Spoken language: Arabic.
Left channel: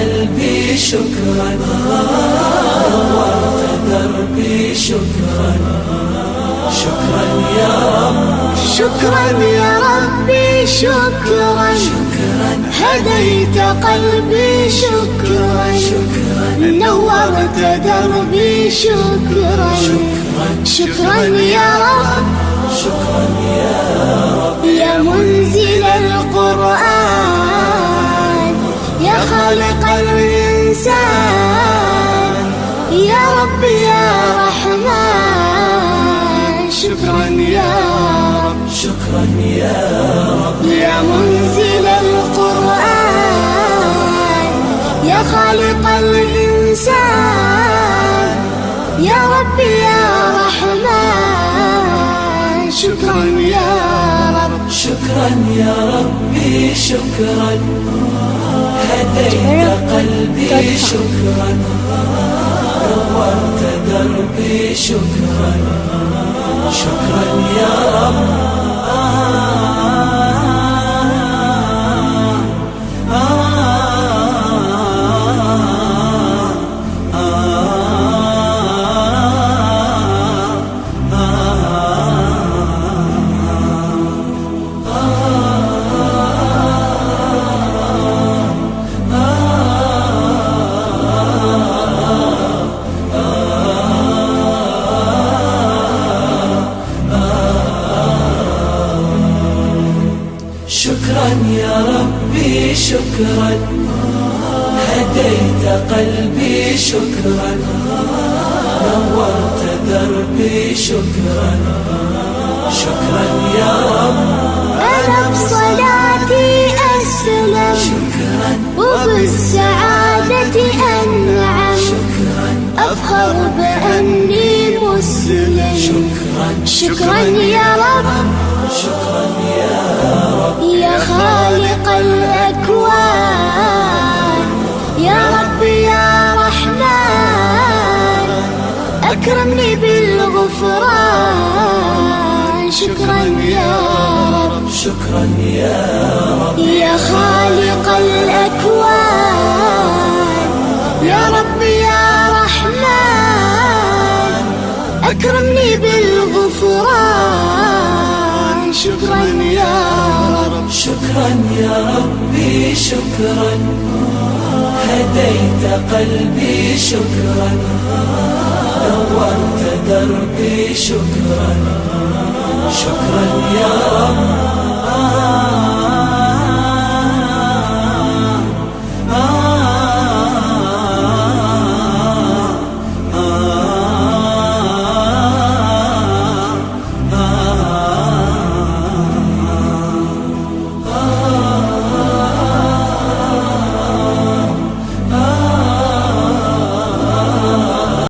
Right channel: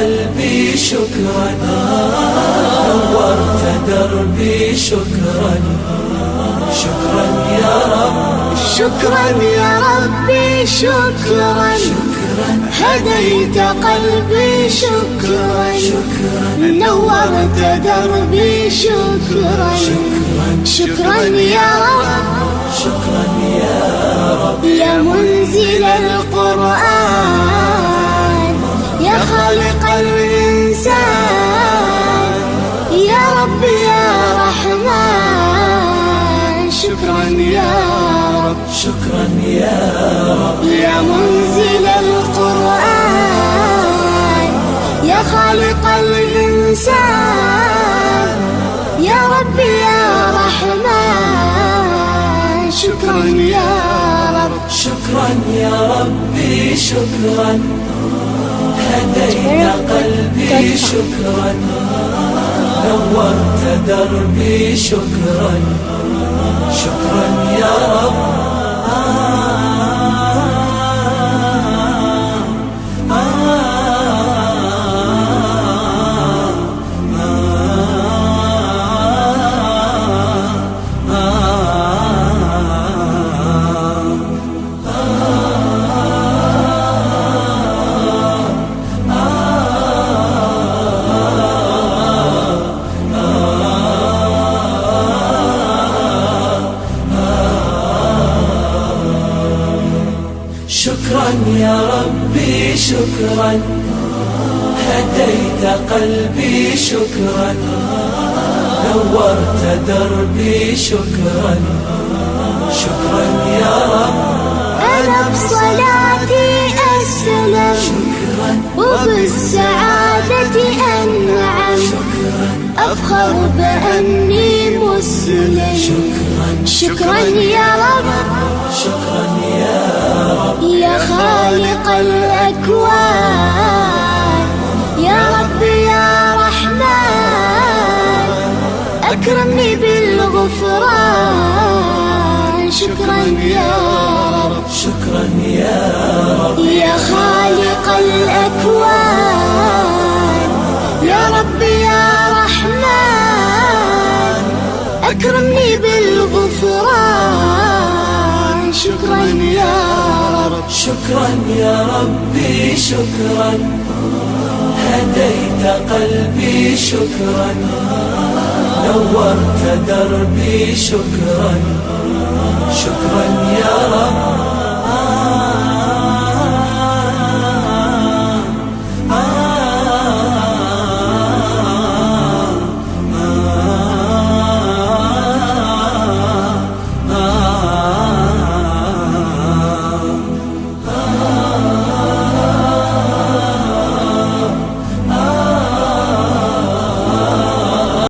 قلبي شكرا، نورت دربي شكرا، شكرا يا رب، شكرا يا ربي شكرا، هديت قلبي شكرا، نورت دربي شكرا، شكرا يا رب، شكرا يا رب، يا منزل القرآن، يا خالق الإنسان، يا رب يا رحمن، شكرا يا رب، شكرا يا رب، يا منزل القرآن، يا خالق الإنسان، يا رب يا رحمن، شكرا يا رب، شكرا يا ربي شكرا، هديت قلبي شكرا، نورت دربي شكرا، شكرا يا رب، شكرا يا ربي شكرا، هديت قلبي شكرا، نورت دربي شكرا، شكرا يا رب، أنا بصلاتي أسلم، وبالسعادة أنعم، أفخر بأني مسلم، شكرا يا رب، شكرا يا رب، يا خالق الأكوان، يا رب يا رحمن، أكرمني بالغفران، شكرا يا رب، شكرا يا رب، يا خالق الأكوان، يا رب يا رحمن، أكرمني بالغفران، شكرا يا رب، شكرا يا ربي شكرا، هديت قلبي شكرا، نورت دربي شكرا، شكرا يا رب.